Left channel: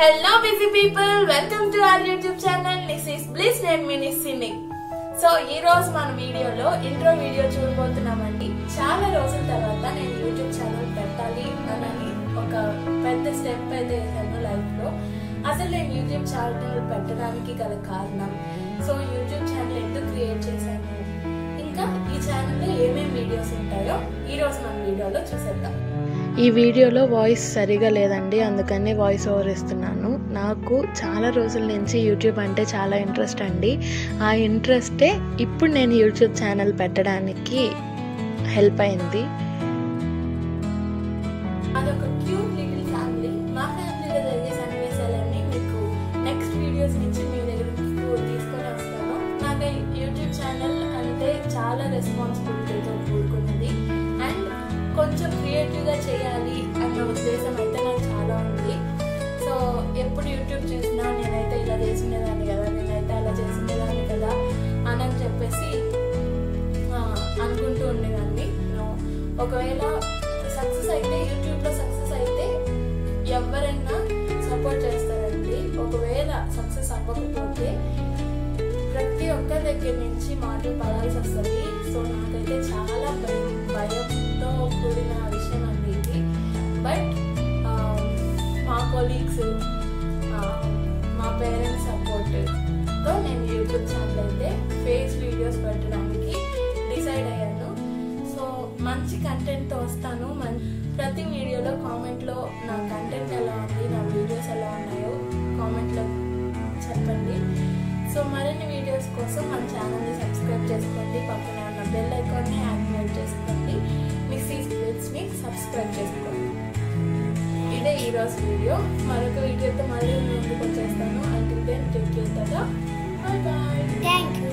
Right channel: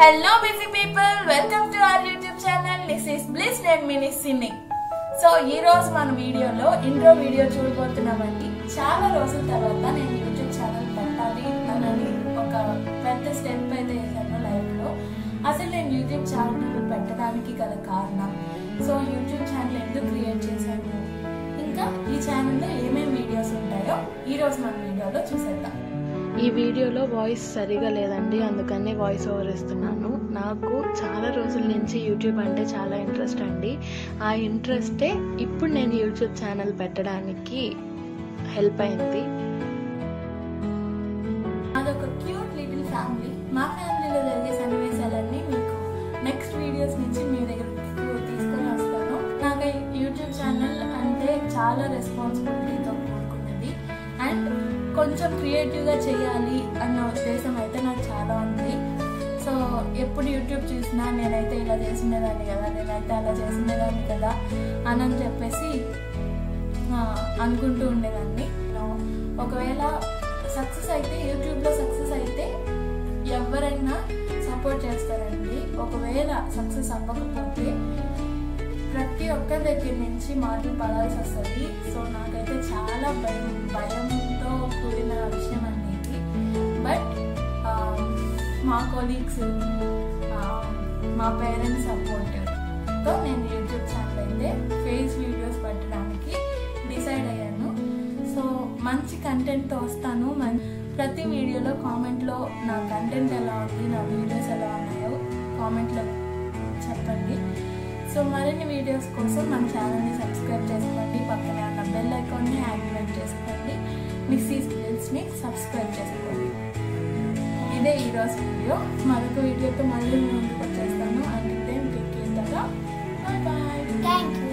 Hello busy people, welcome to our YouTube channel. This is Bliss and Mini Cindy. So ee roju మన వీడియోలో intro video చూడబోతున్నామండి. చాలా రోజుల తర్వాత నేను YouTube channel పెట్టాలి అని ఒక పెద్ద స్టెప్ అయితే వేసాను లైఫ్ లో. అసలు నేను యూట్యూబ్ ఛానల్ పెట్టడానికి గల కారణం, సో యూట్యూబ్ ఛానల్ ఎందుకు క్రియేట్ చేశాను, ఇంకా ఈ ఛానల్లో ఏమేం వీడియోస్ ఉంటాయో ఈ రోజు మన వీడియోలో చూసేద్దాం. ఈ వీడియోలో వాయిస్ సరిగా లేదండి, అందుకనే వాయిస్ ఓవర్ ఇస్తున్నాను. నాకు చాలా రోజుల నుంచి యూట్యూబ్ అంటే చాలా ఇంట్రెస్ట్ అండి. ఆ ఇంట్రెస్టే ఇప్పుడు నేను యూట్యూబ్ ఛానల్ పెట్టడానికి హెల్ప్ అయింది. అదొక క్యూట్ లిటిల్ ఫ్యామిలీ. మా ఫ్యామిలీలో జరిగే సన్నివేశాలన్నీ మీకు నెక్స్ట్ వీడియోస్ నుంచి మీ దగ్గరకు తీసుకొని వస్తాను. నాకు యూట్యూబ్ ఛానల్ అంటే చాలా రెస్పాన్సిబిలిటీతో కూడుకున్నది అండ్ కొంచెం క్రియేటివ్గా చేయాలి అన్న ఉద్దేశం అయితే నాకు చాలా ఉంది. సో ఎప్పుడు యూట్యూబ్ చూసినా నేనైతే ఇలా చేసిండేదాన్ని కదా, నేనైతే అలా చేసిండేదాన్ని కదా అని చెప్పేసి అనుకుంటూ ఉండేదాన్ని. ఒకవేళ సక్సెస్ అయితే, యూట్యూబ్లో సక్సెస్ అయితే ఎవరైనా సపోర్ట్ చేస్తారండి. ఒకవేళ సక్సెస్ అవ్వకపోతే ప్రతి ఒక్కరి దగ్గర నుంచి మాటలు పడాల్సి వస్తుంది. సో నాకైతే చాలా భయంతో కూడిన విషయం అండి ఇది. బట్ మా కొలీగ్స్, మా పేరెంట్స్ సపోర్ట్తో నేను యూట్యూబ్ ఛానల్ అయితే ఫేస్ వీడియోస్ పెట్టడానికి డిసైడ్ అయ్యాను. సో మంచి కంటెంట్తో వస్తాను. ప్రతి వీడియోలో కామెంట్లో నా కంటెంట్ ఎలా ఉంది, నా వీడియోస్ ఎలా ఉన్నాయో కామెంట్లో చెప్పండి. సో మరిన్ని వీడియోస్ కోసం మన ఛానల్ని సబ్స్క్రైబ్ చేసుకోండి, పక్కనే ఉన్న బెల్ ఐకాన్ని యాక్టివేట్ చేసుకోండి, మిస్సీస్ బ్లిస్ని సబ్స్క్రైబ్ చేసుకోండి. ఇదే ఈరోజు వీడియో. మరొక వీడియోతో మళ్ళీ ముందుకు వచ్చేస్తాను. Until then take care. Bye bye. Thank you.